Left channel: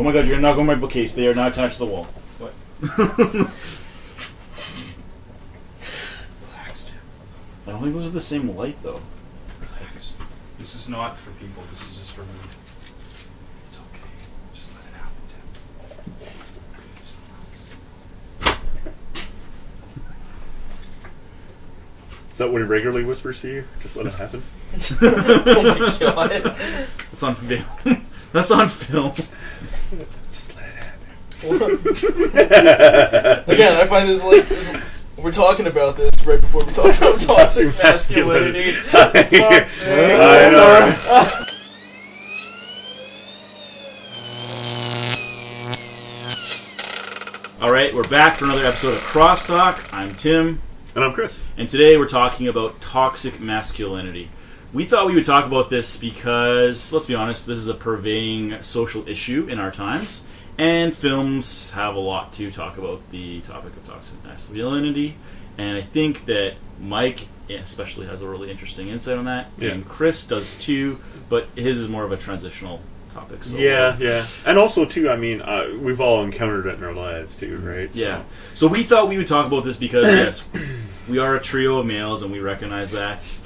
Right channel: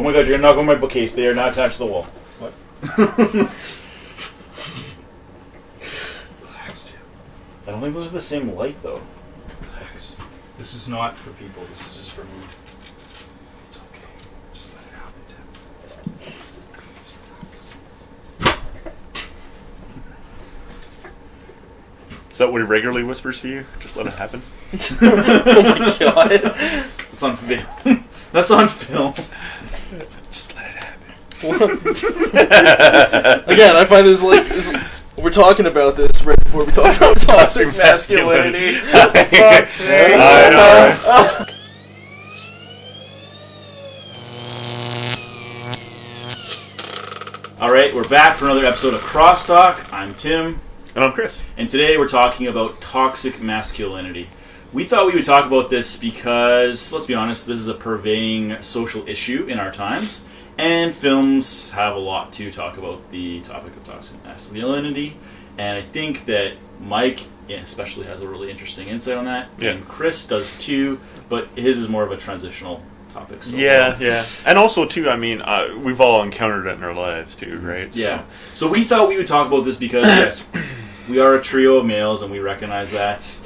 Oh my god, you're gonna knock on my bookcase. They are not attached to the wall. What? Relax, Tim. I don't think those are the same light, though. Relax. This is not for people. This is just for me. It's okay. Just let it happen, Tim. Is that what he regularly whispers to you? Just let it happen? Oh my god. That's on film. That's on film. Just let it happen. Again, I find this we're talking about this right before we talk about toxic masculinity. Fuck's sake. I know. Alright, we're back for another episode of Crosstalk. I'm Tim. And I'm Chris. And today we're talking about toxic masculinity. We thought we would talk about this because, let's be honest, this is a pervading social issue in our times. And films have a lot to talk about the topic of toxic masculinity. And I think that Mike especially has a really interesting insight on that. Yeah. And Chris does too, but his is more of a transitional topic. So Yeah. And also, too, I mean, we've all encountered it in our lives, too, right? Yeah. So we thought we would talk about this because, yes, we are a trio of males and we recognize that.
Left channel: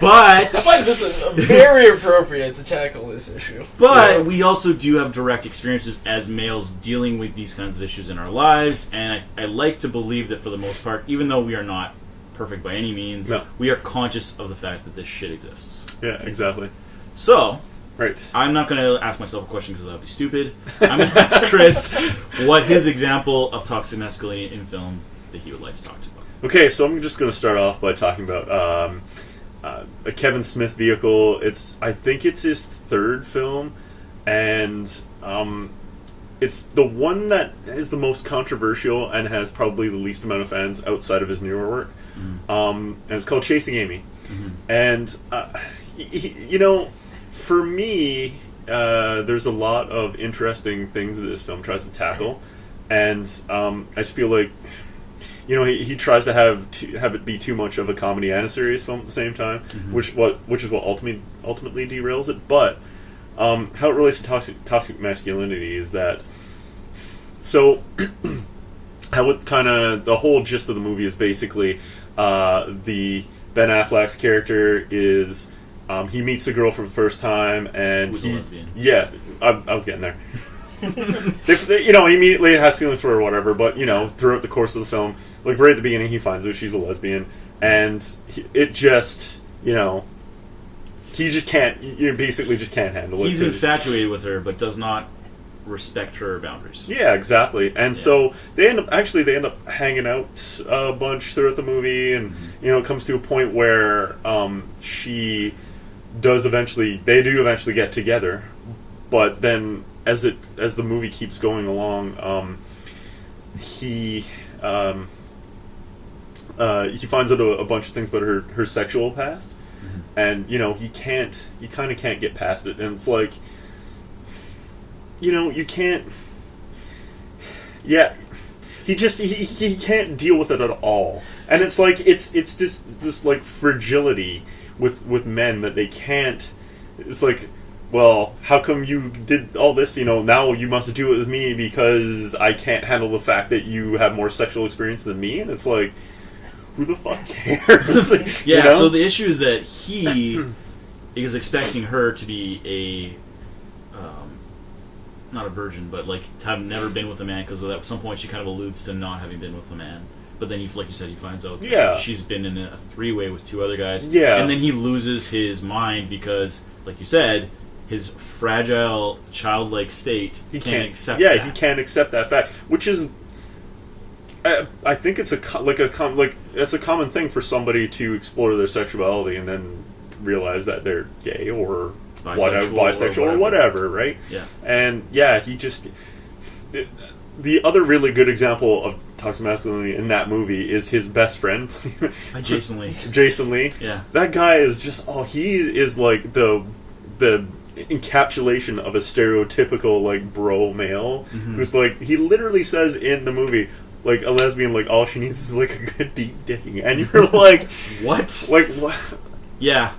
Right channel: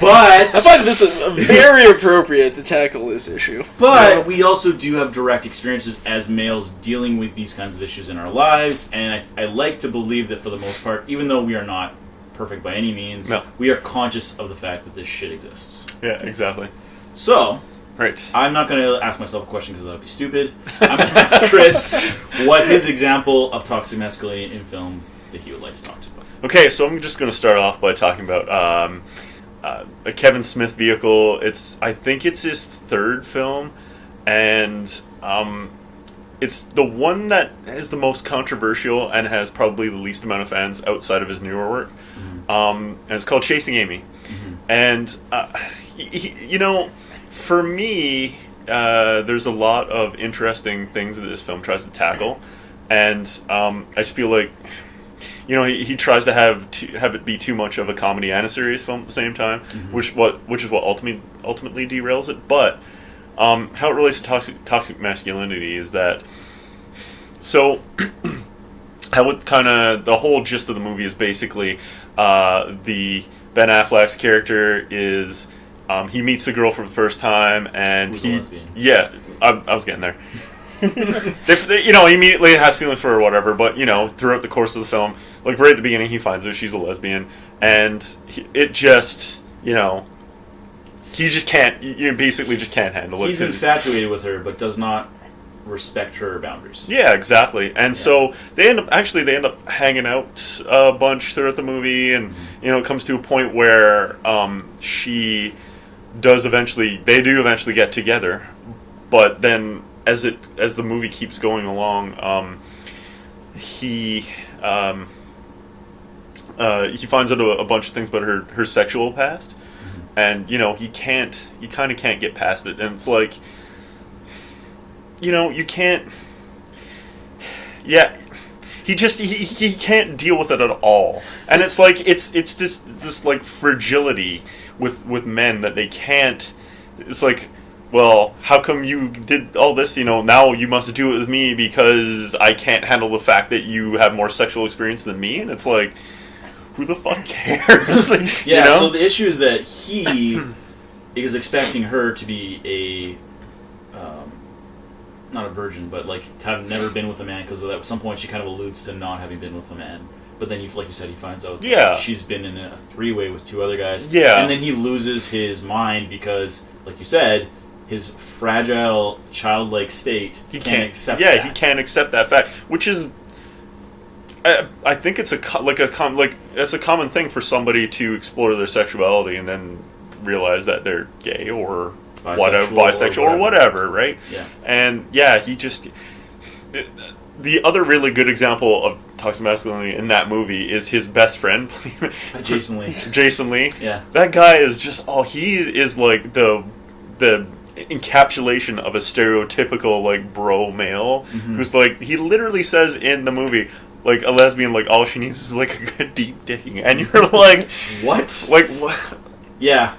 But I find this very appropriate to tackle this issue. But we also do have direct experiences as males dealing with these kinds of issues in our lives. And I like to believe that for the most part, even though we are not perfect by any means, we are conscious of the fact that this shit exists. Yeah, exactly. So... Right. I'm not going to ask myself a question because that would be stupid. I'm going to ask Chris what his example of toxic masculinity in film that he would like to talk to about. Okay, so I'm just going to start off by talking about a Kevin Smith vehicle. I think it's his third film, and it's the one that is the most controversial and has probably the least amount of fans outside of his newer work. And it's called Chasing Amy. And, you know... For me, there's a lot of interesting things that this film tries to tackle, and I just feel like, you know, he tries to have it be too much of a comedy and a serious film at the same time, which is what ultimately derails it. But how it relates to toxic masculinity is that, so how it kind of the whole gist of the movie is basically the Ben Affleck's character is. He meets the girl for the first time, and I was getting there. You know, he immediately has feelings for her or whatever, but, you know, throughout the course of the film, like right at the beginning, he finds out she's a lesbian, and it just, you know, he just can't, basically just can't handle it. He's infatuated with her, but does not respect her boundaries. Yeah, exactly. And so they end up hanging out a bunch throughout the movie, and, you know, it comes to a point where they do eventually get together, but then as the movie keeps going along, he finds out a bunch of things about her sexual past, and, you know, he kind of can't get past it, and it's like, you know, you can't, he can't deal with it at all, and it's like it's this like fragility with men that they can't. It's like, well, how come you did all this? You know, now you must do it with me because I can't handle the fact that you have more sexual experience than me. And it's like, who the fuck cares? Yeah. You know? So the issue is that he is expecting her to be not a virgin, but like to have never been with a man, because at some point she kind of alludes to not having been with a man. But then, like you said, he finds out that she's been in a three-way with two other guys. Yeah. And then he loses his mind because, like you said, his fragile, childlike state can't accept that. Yeah, he can't accept that fact, which is... I think it's a common thing for somebody to explore their sexuality and then realize that they're gay or bisexual or whatever, right? Yeah. And, he just... The other really good example of toxic masculinity in that movie is his best friend, Jason Leigh. Jason Leigh. Yeah. That guy is just he is like the encapsulation of a stereotypical like bro male who's like, he literally says in the movie, like, a lesbian, like, all she needs is like a good deep dicking, and you're like, what? Like, what? Yeah.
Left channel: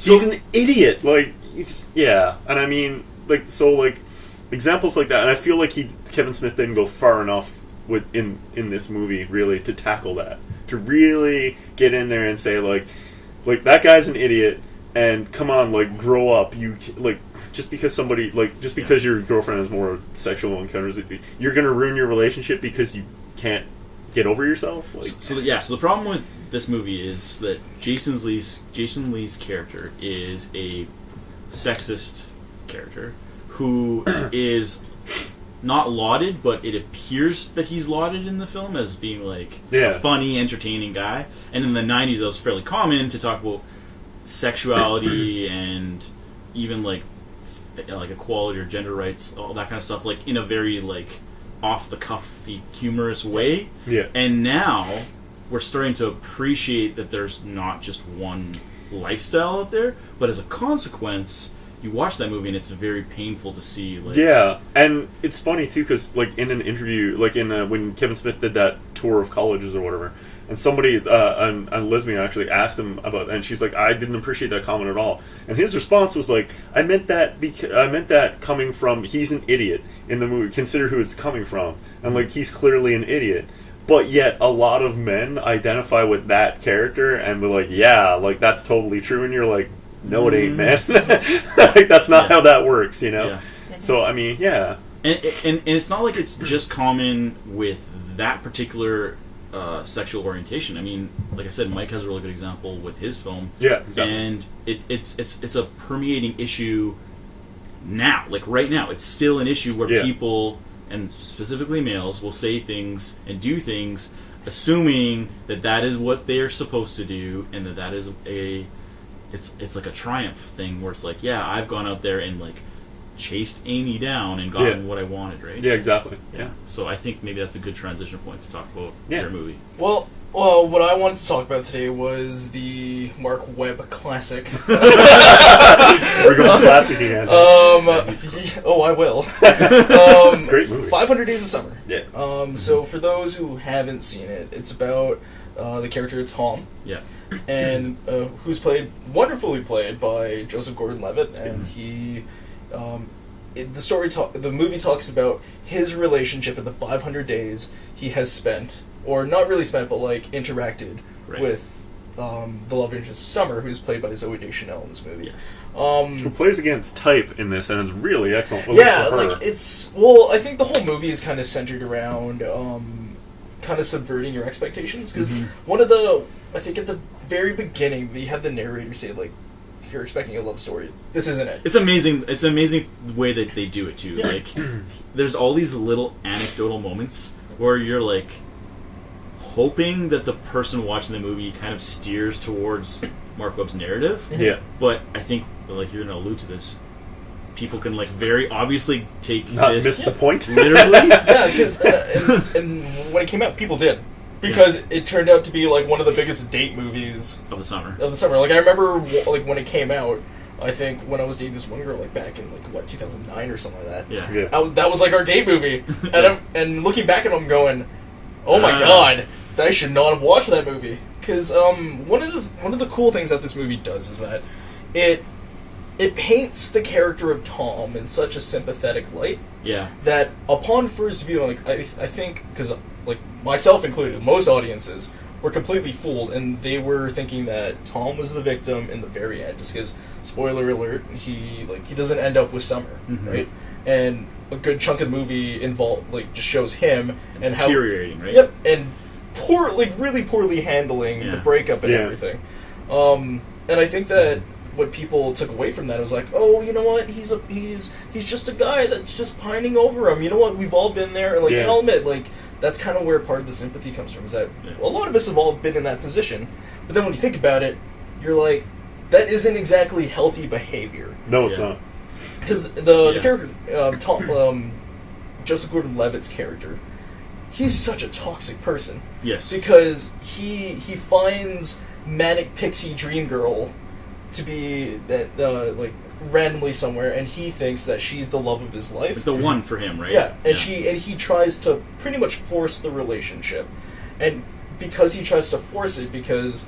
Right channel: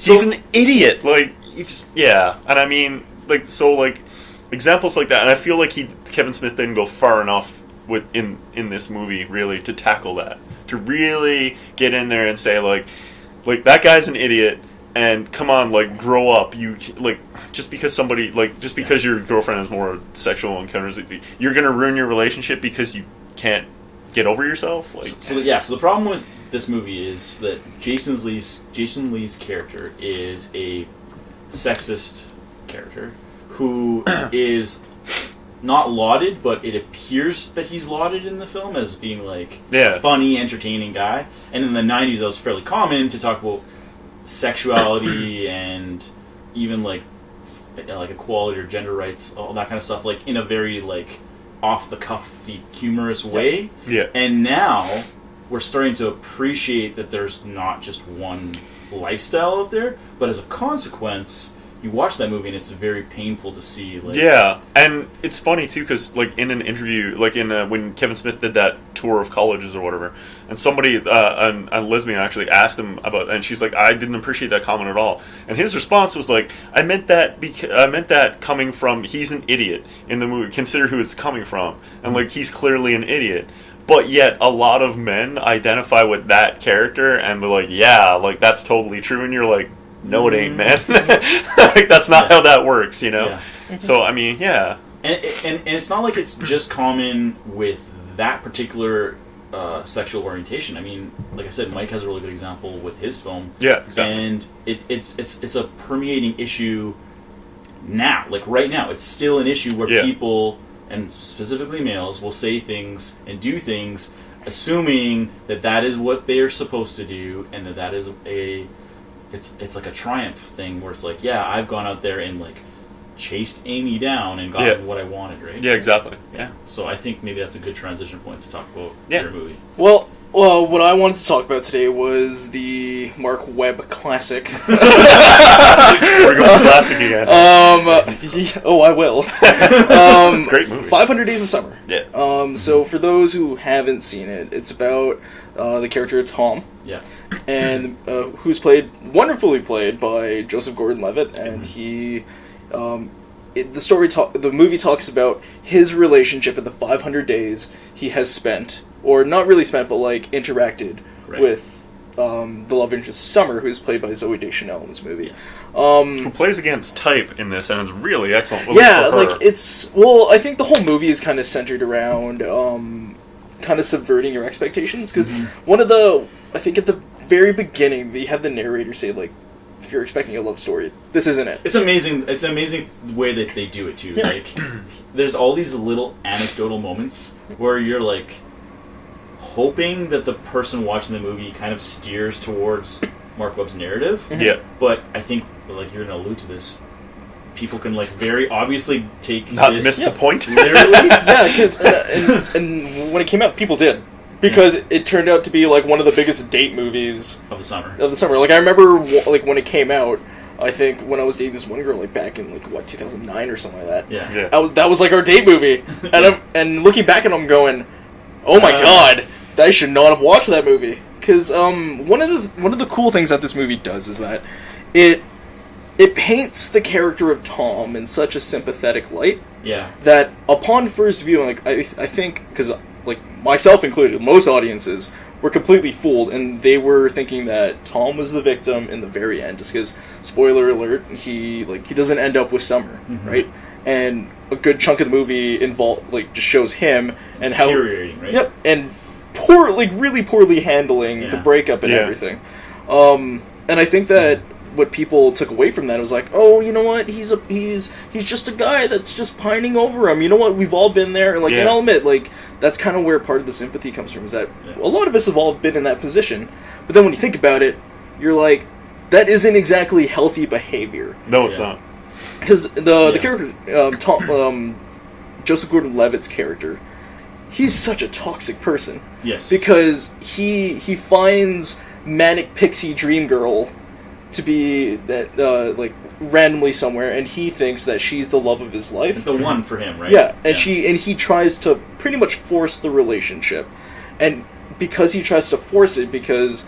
He's an idiot. Like, and I mean, like, so like. examples like that, and I feel like Kevin Smith didn't go far enough in this movie really to tackle that, to really get in there and say like that guy's an idiot, and come on, like, grow up. You like just because your girlfriend has more sexual encounters, you're gonna ruin your relationship because you can't get over yourself. Like, so the problem with this movie is that Jason Leigh's character is a sexist character who is not lauded, but it appears that he's lauded in the film as being like a funny, entertaining guy. And in the 90s, that was fairly common to talk about sexuality and even like equality or gender rights, all that kind of stuff, like in a very like off the cuffy, humorous way. Yeah. And now we're starting to appreciate that there's not just one lifestyle out there, but as a consequence, you watch that movie and it's very painful to see. Like, yeah, and it's funny too because like in an interview, like when Kevin Smith did that tour of colleges or whatever, and somebody, a lesbian actually asked him about, and she's like, I didn't appreciate that comment at all, and his response was like, I meant that coming from, he's an idiot in the movie. Consider who it's coming from, and like he's clearly an idiot. But yet, a lot of men identify with that character and be like, yeah, like that's totally true, and you're like, no, it ain't, man. Like, that's not how that works, you know? Yeah. So, I mean, yeah. And it's not like it's just common with that particular sexual orientation. I mean, like I said, Mike has a really good example with his film. Yeah, exactly. And it's a permeating issue now. Like, right now, it's still an issue where people, and specifically males, will say things and do things assuming that is what they're supposed to do, and that is it's like a triumph thing where it's like, yeah, I've gone out there and like chased Amy down and gotten what I wanted, right? Yeah, exactly. Yeah. So I think maybe that's a good transition point to talk about your movie. Well, what I wanted to talk about today was the Mark Webb classic. We're going classic again. I will. It's a great movie. 500 Days of Summer. Yeah. So for those who haven't seen it, it's about the character Tom. Yeah. And who's wonderfully played by Joseph Gordon-Levitt, and he, the movie talks about his relationship in the 500 days he has spent, or not really spent, but like interacted with the love interest Summer, who's played by Zooey Deschanel in this movie. Yes. Who plays against type in this, and is really excellent. Yeah, like I think the whole movie is kind of centered around kind of subverting your expectations, because I think at the very beginning, they have the narrator say, like, if you're expecting a love story, this isn't it. It's amazing. It's amazing the way that they do it, too. Yeah. Like, there's all these little anecdotal moments where you're, like, hoping that the person watching the movie kind of steers towards Mark Webb's narrative. Yeah. But I think, like, you're going to allude to this, people can, like, very obviously miss the point. Literally. Yeah, because and when it came out, people did. Because it turned out to be, like, one of the biggest date movies of the summer. Like, I remember, like, when it came out, I think when I was dating this one girl, like, back in, like, 2009 or something like that. Yeah. That was, like, our date movie. And looking back at it, I'm going, oh my god, I should not have watched that movie. Because one of the cool things that this movie does is that it paints the character of Tom in such a sympathetic light. Yeah. That upon first viewing, like, I think, because, like, myself included, most audiences were completely fooled, and they were thinking that Tom was the victim in the very end, just because, spoiler alert, he doesn't end up with Summer, right? And a good chunk of the movie just shows him and how deteriorating, right? Yep, and really poorly handling the breakup and everything. And I think that what people took away from that was like, oh, you know what? He's just a guy that's just pining over him. You know what? We've all been there. Like, and I'll admit, like, that's kind of where part of the sympathy comes from. Is that a lot of us have all been in that position. But then when you think about it, you're like, that isn't exactly healthy behavior. No, it's not. Because the character, Joseph Gordon-Levitt's character, he's such a toxic person. Yes. Because he finds manic pixie dream girl to be that randomly somewhere, and he thinks that she's the love of his life, the one for him, right? Yeah, and he tries to pretty much force the relationship, and because he tries to force it, because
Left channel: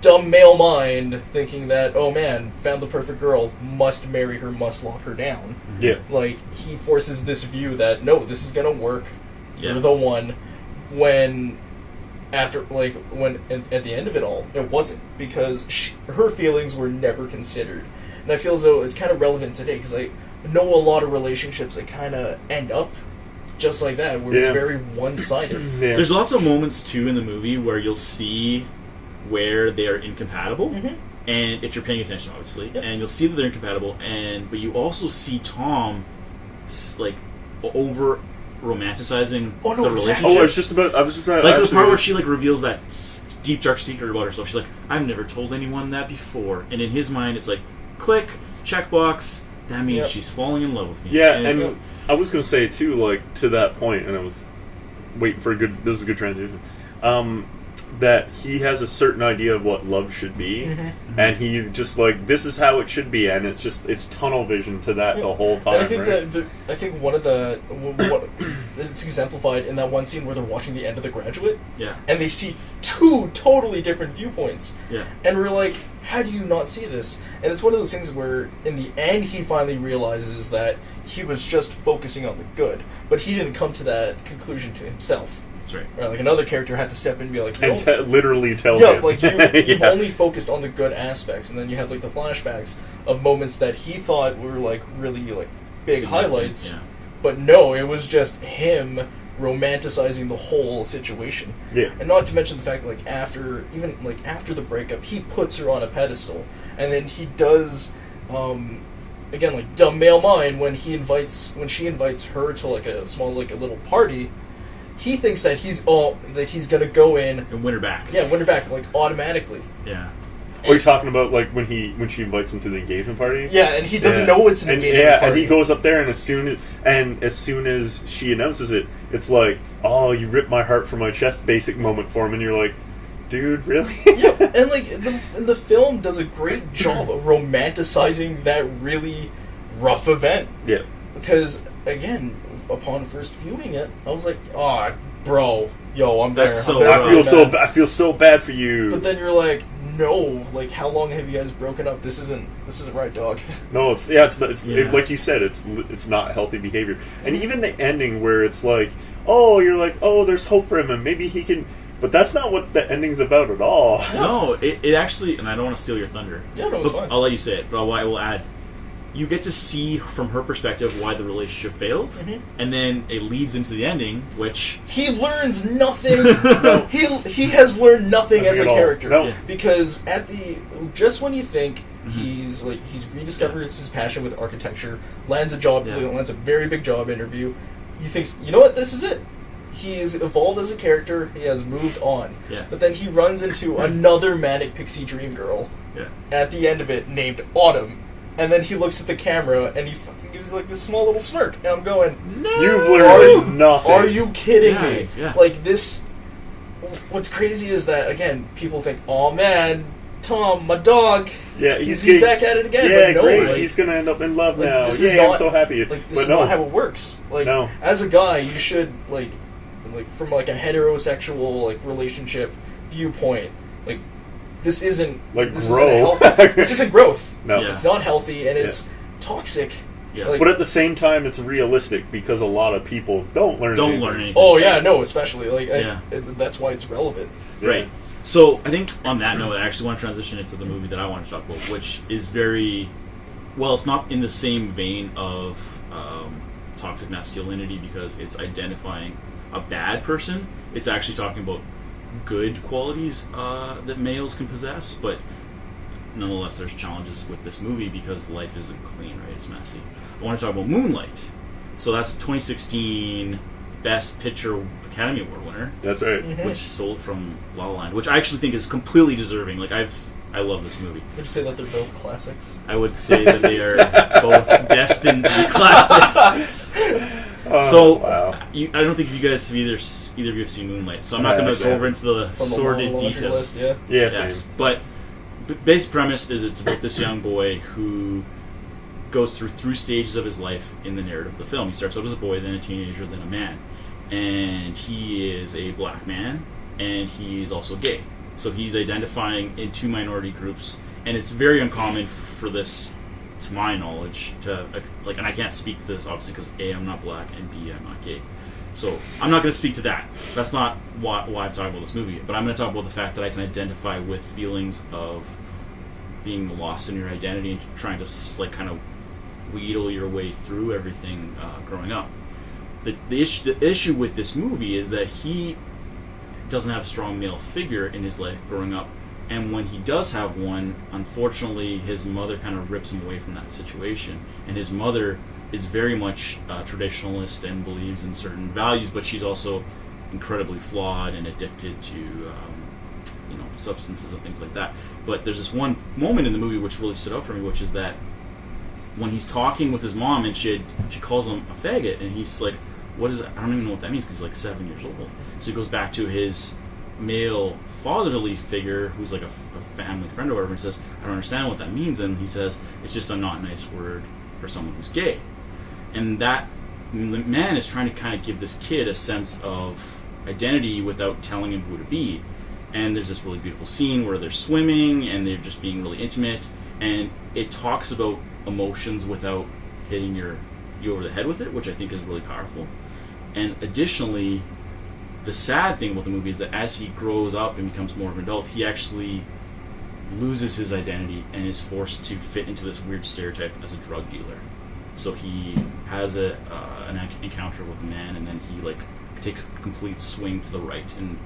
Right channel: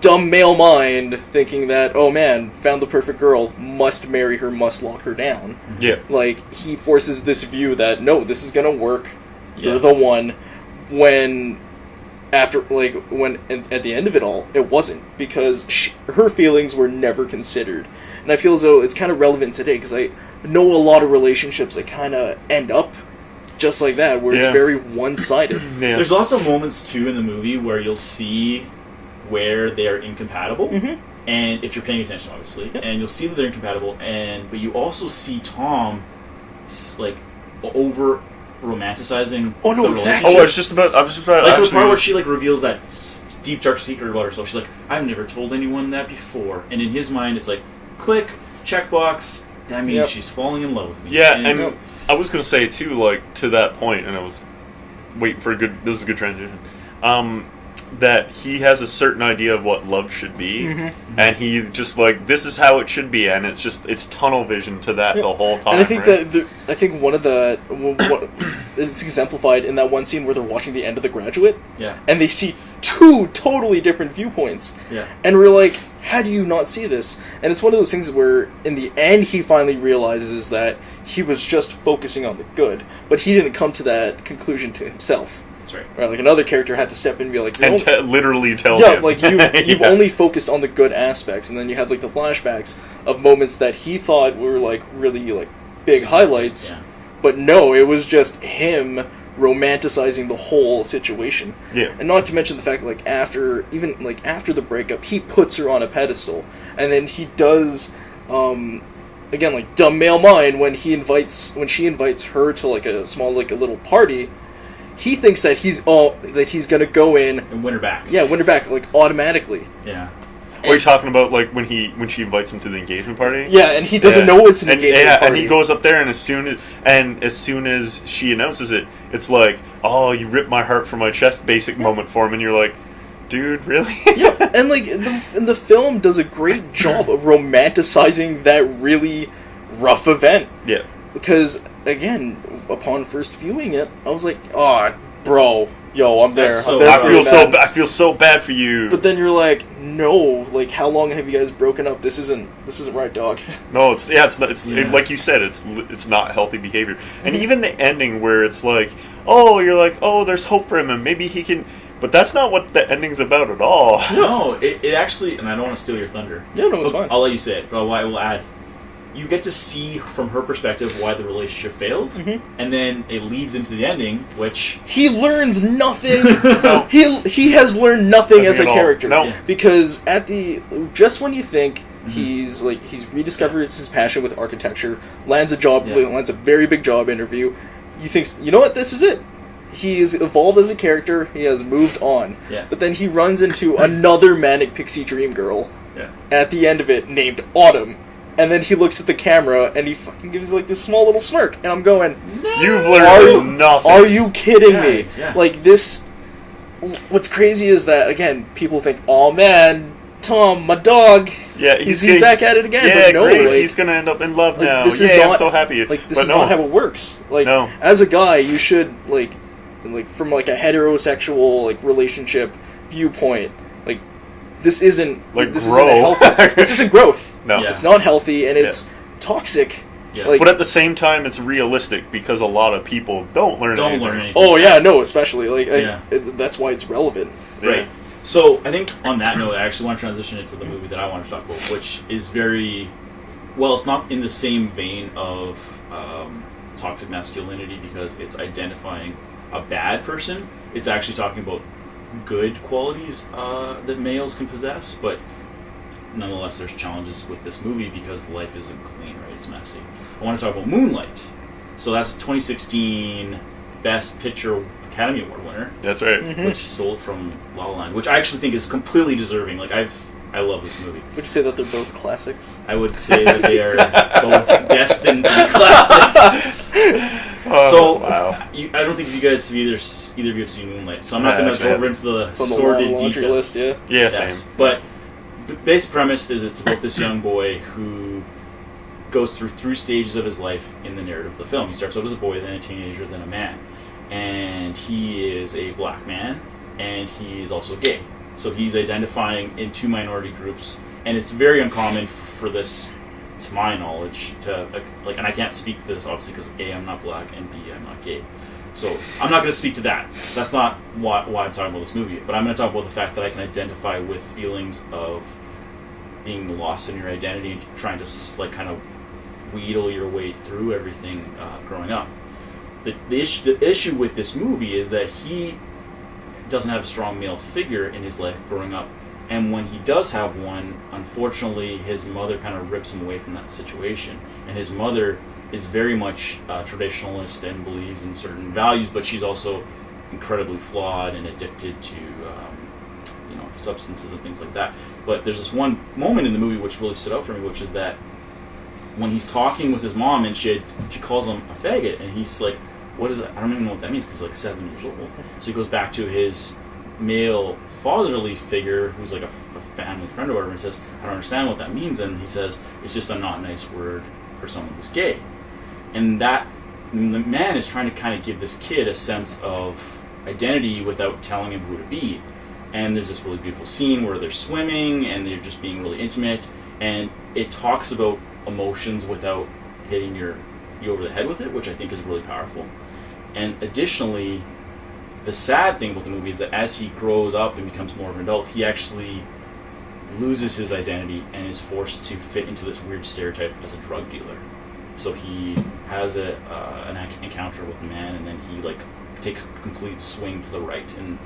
dumb male mind thinking that, oh man, found the perfect girl, must marry her, must lock her down. Yeah. Like, he forces this view that, no, this is gonna work, Yeah. you're the one, when at the end of it all, it wasn't, because her feelings were never considered. And I feel as though it's kind of relevant today, because I know a lot of relationships that kind of end up just like that, where it's very one-sided. Yeah. There's lots of moments, too, in the movie where you'll see where they are incompatible, and if you're paying attention, obviously, and you'll see that they're incompatible, but you also see Tom, like, over romanticizing the relationship. Oh, I was just about like the part where she like reveals that deep dark secret about herself. She's like, I've never told anyone that before, and in his mind, it's like, click, checkbox. That means she's falling in love with me. Yeah, and I was going to say too, like, to that point, and I was waiting for this is a good transition. That he has a certain idea of what love should be, and he just like, this is how it should be, and it's tunnel vision to that the whole time. And I think I think one of what is exemplified in that one scene where they're watching the end of The Graduate, and they see two totally different viewpoints, and we're like, how do you not see this? And it's one of those things where in the end he finally realizes that he was just focusing on the good, but he didn't come to that conclusion to himself. Right, like another character had to step in and be like, and literally tell him. Like you've only focused on the good aspects, and then you have like the flashbacks of moments that he thought were like really like big highlights, but no, it was just him romanticizing the whole situation. Yeah, and not to mention the fact that after the breakup, he puts her on a pedestal, and then he does, again, like dumb male mind when she invites her to like a small like a little party. He thinks that he's gonna go in and win her back. Yeah, win her back like automatically. Yeah. What are you talking about? Like when she invites him to the engagement party? Yeah, and he doesn't know it's an engagement party. And he goes up there, and as soon as she announces it, it's like, oh, you ripped my heart from my chest. Basic moment for him, and you're like, dude, really? Yeah, and like the film does a great job of romanticizing that really rough event. Yeah. Because again, upon first viewing it, I was like, "Oh, bro, yo, I'm there." I feel so bad for you. But then you're like, "No, like, how long have you guys broken up? This isn't right, dog." No, it's like you said, it's not healthy behavior. And even the ending where it's like, "Oh, you're like, oh, there's hope for him, and maybe he can." But that's not what the ending's about at all. No, it actually, and I don't want to steal your thunder. Yeah, no, it's fine. I'll let you say it, but I will add. You get to see from her perspective why the relationship failed, and then it leads into the ending, which he learns nothing. No. He has learned nothing as a character. No. Because just when you think he's rediscovered his passion with architecture, lands a very big job interview, you think, you know what, this is it. He's evolved as a character. He has moved on. Yeah. But then he runs into another manic pixie dream girl. At the end of it, named Autumn. And then he looks at the camera and he fucking gives like this small little smirk, and I'm going, no, you've learned nothing. Are you kidding me? Yeah. Like this. What's crazy is that again, people think, oh man, Tom, my dog. Yeah, he's back at it again. Yeah, but no, great. Like, he's gonna end up in love now. This I'm not, so happy. Like this is not how it works. Like no. As a guy, you should like from like a heterosexual like relationship viewpoint, like this isn't like this grow. This isn't growth. No, it's not healthy, and it's toxic. Yeah. Like, but at the same time, it's realistic because a lot of people don't learn anything. Oh yeah, no, especially like that's why it's relevant. Right. So I think on that note, I actually want to transition into the movie that I want to talk about, which is very well. It's not in the same vein of toxic masculinity because it's identifying a bad person. It's actually talking about good qualities that males can possess, but nonetheless, there's challenges with this movie because life isn't clean, right? It's messy. I want to talk about Moonlight. So that's 2016 Best Picture Academy Award winner. That's right. Which sold from La La Land, which I actually think is completely deserving. Like I love this movie. Would you say that they're both classics? I would say that they are both destined to be classics. Wow. I don't think you guys have either of you have seen Moonlight, so I'm not going to go over into the sordid details. List, yeah. Yes, same. But the basic premise is it's about this young boy who goes through 3 stages of his life in the narrative of the film. He starts out as a boy, then a teenager, then a man. And he is a black man, and he is also gay. So he's identifying in two minority groups, and it's very uncommon for this, to my knowledge, to and I can't speak to this obviously because A, I'm not black, and B, I'm not gay. So I'm not going to speak to that. That's not why I'm talking about this movie. But I'm going to talk about the fact that I can identify with feelings of being lost in your identity and trying to kind of wheedle your way through everything growing up. The issue with this movie is that he doesn't have a strong male figure in his life growing up, and when he does have one, unfortunately his mother kind of rips him away from that situation, and his mother is very much traditionalist and believes in certain values, but she's also incredibly flawed and addicted to substances and things like that. But there's this one moment in the movie which really stood out for me, which is that when he's talking with his mom and she calls him a faggot, and he's like, what is that? I don't even know what that means because he's like 7 years old. So he goes back to his male fatherly figure who's like a family friend or whatever and says, I don't understand what that means. And he says, it's just a not nice word for someone who's gay. And the man is trying to kind of give this kid a sense of identity without telling him who to be. And there's this really beautiful scene where they're swimming and they're just being really intimate, and it talks about emotions without hitting you over the head with it, which I think is really powerful. And additionally, the sad thing about the movie is that as he grows up and becomes more of an adult, he actually loses his identity and is forced to fit into this weird stereotype as a drug dealer. So he has an encounter with a man, and then he takes a complete swing to the right and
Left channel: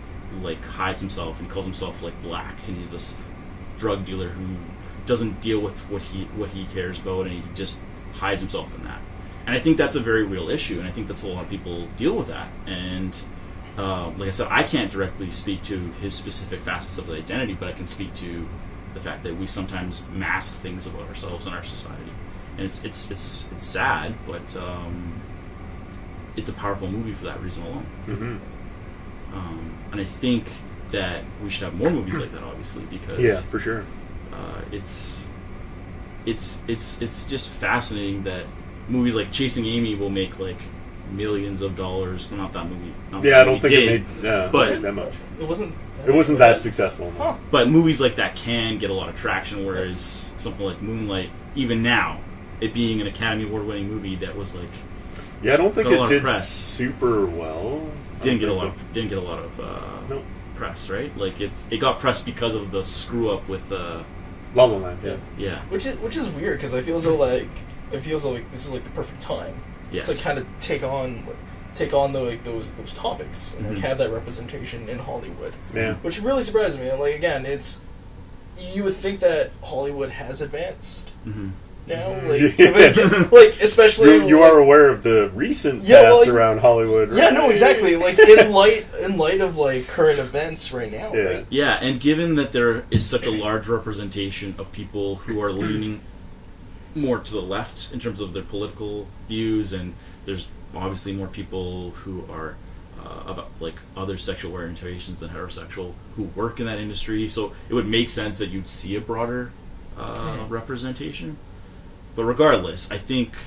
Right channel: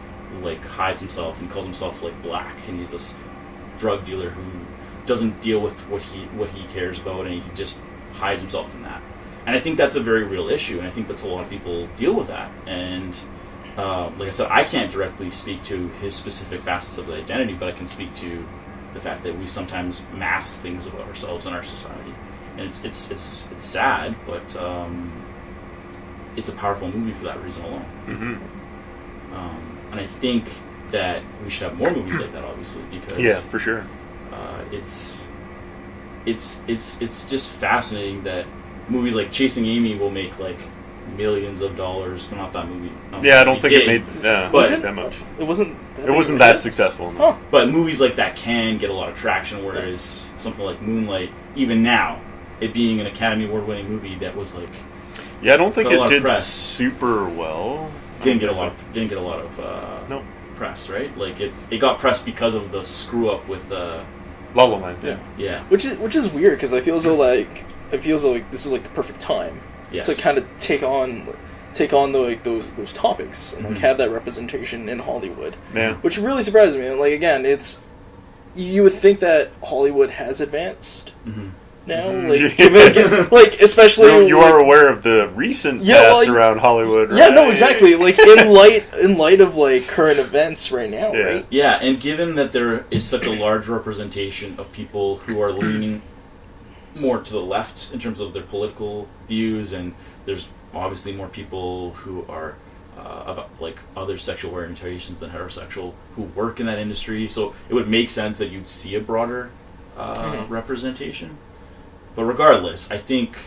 hides himself and calls himself black, and he's this drug dealer who doesn't deal with what he cares about, and he just hides himself in that. And I think that's a very real issue, and I think that's a lot of people deal with that. And like I said, I can't directly speak to his specific facets of the identity, but I can speak to the fact that we sometimes mask things about ourselves in our society. And it's sad, but it's a powerful movie for that reason alone. Mm-hmm. And I think that we should have more movies like that, obviously, because yeah, for sure. It's just fascinating that movies like Chasing Amy will make millions of dollars, but not that movie. I don't think it made that much. It wasn't that successful. No. Huh. But movies like that can get a lot of traction, whereas something like Moonlight, even now, it being an Academy Award-winning movie that was I don't think it did super well. Didn't get a lot of nope. press, right? It got press because of the screw up with La La Land. Yeah. Which is weird because I feel as though this is the perfect time to kind of take on those topics and have that representation in Hollywood. Yeah. Which really surprises me. Again, you would think that Hollywood has advanced. Mm-hmm. Now, especially you are aware of the recent past around Hollywood, right? Yeah, no, exactly. In light of current events right now, right? Yeah, and given that there is such a large representation of people who are leaning more to the left in terms of their political views, and there's obviously more people who are about other sexual orientations than heterosexual who work in that industry, so it would make sense that you'd see a broader representation. But regardless, I think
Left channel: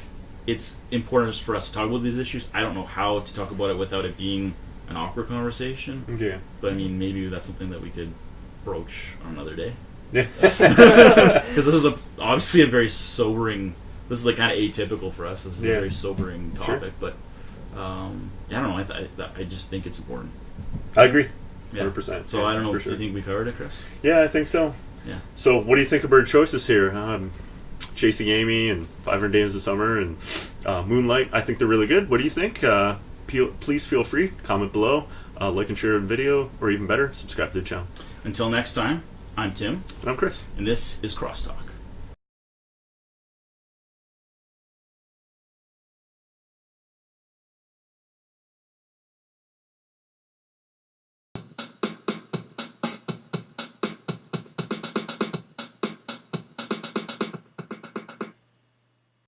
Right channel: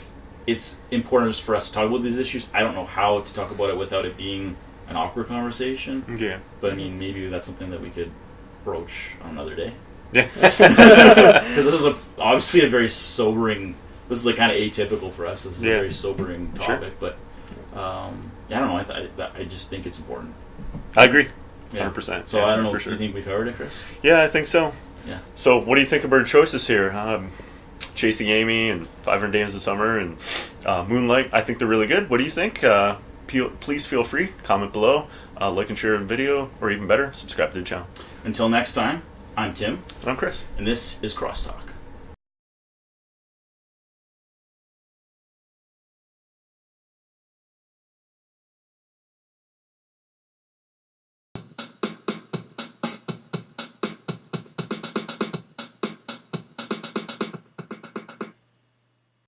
it's important for us to talk about these issues. I don't know how to talk about it without it being an awkward conversation. Yeah. But I mean, maybe that's something that we could broach on another day. Yeah. Because this is obviously a very sobering. This is kind of atypical for us. This is a very sobering topic. Sure. But I don't know. I just think it's important. I agree. 100%. So I don't know. Do you think we covered it, Chris? Yeah, I think so. Yeah. So what do you think of our choices here? Chasing Amy and 500 Days of Summer and Moonlight. I think they're really good. What do you think? Please feel free. Comment below. Like and share the video, or even better, subscribe to the channel. Until next time, I'm Tim. And I'm Chris. And this is Crosstalk.